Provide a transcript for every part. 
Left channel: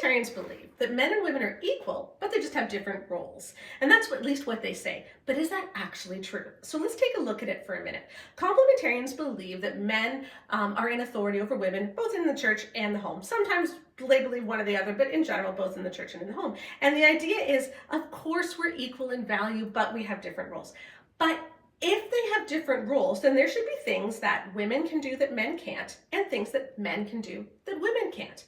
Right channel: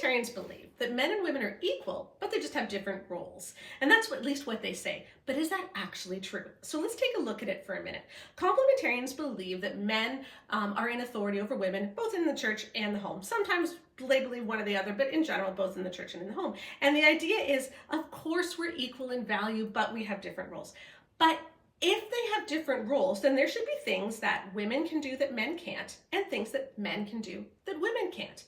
complementarians believe that men and women are equal, but they just have different roles. And that's at least what they say. But is that actually true? So let's take a look at it for a minute. Complementarians believe that men are in authority over women, both in the church and the home. Sometimes labeling one or the other, but in general, both in the church and in the home. And the idea is, of course, we're equal in value, but we have different roles. But if they have different roles, then there should be things that women can do that men can't, and things that men can do that women can't.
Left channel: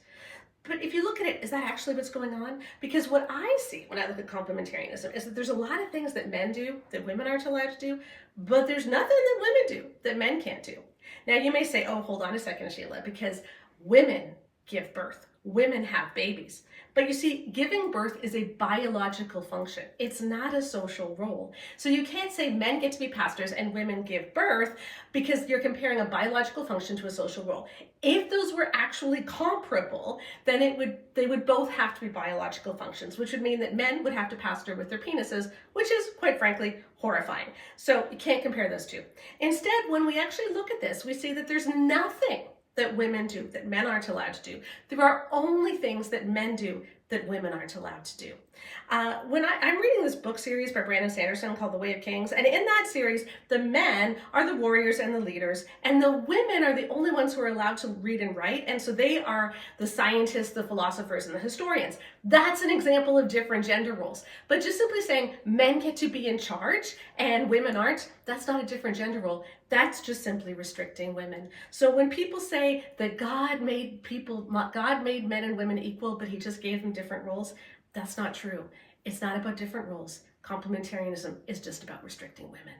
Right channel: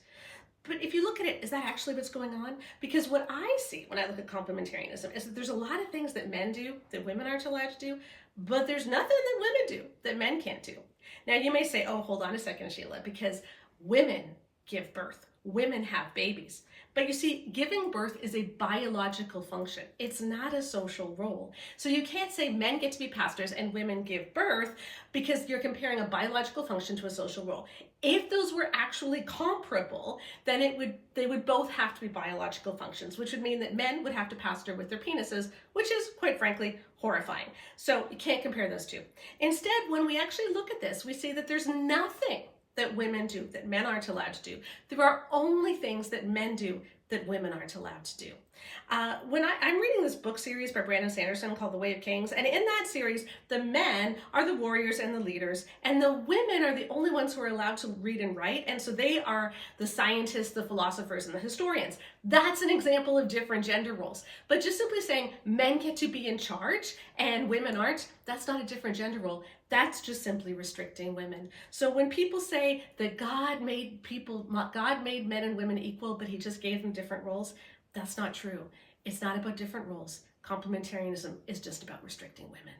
But if you look at it, is that actually what's going on? Because what I see when I look at complementarianism is that there's a lot of things that men do that women aren't allowed to do, but there's nothing that women do that men can't do. Now you may say, oh, hold on a second, Sheila, because women give birth. Women have babies. But you see, giving birth is a biological function. It's not a social role. So you can't say men get to be pastors and women give birth because you're comparing a biological function to a social role. If those were actually comparable, then they would both have to be biological functions, which would mean that men would have to pastor with their penises, which is, quite frankly, horrifying. So you can't compare those two. Instead, when we actually look at this, we see that there's nothing that women do that men aren't allowed to do. There are only things that men do that women aren't allowed to do. When I'm reading this book series by Brandon Sanderson called The Way of Kings, and in that series, the men are the warriors and the leaders, and the women are the only ones who are allowed to read and write, and so they are the scientists, the philosophers, and the historians. That's an example of different gender roles. But just simply saying men get to be in charge and women aren't, that's not a different gender role. That's just simply restricting women. So when people say that God made men and women equal, but he just gave them different roles, that's not true. It's not about different roles. Complementarianism is just about restricting women.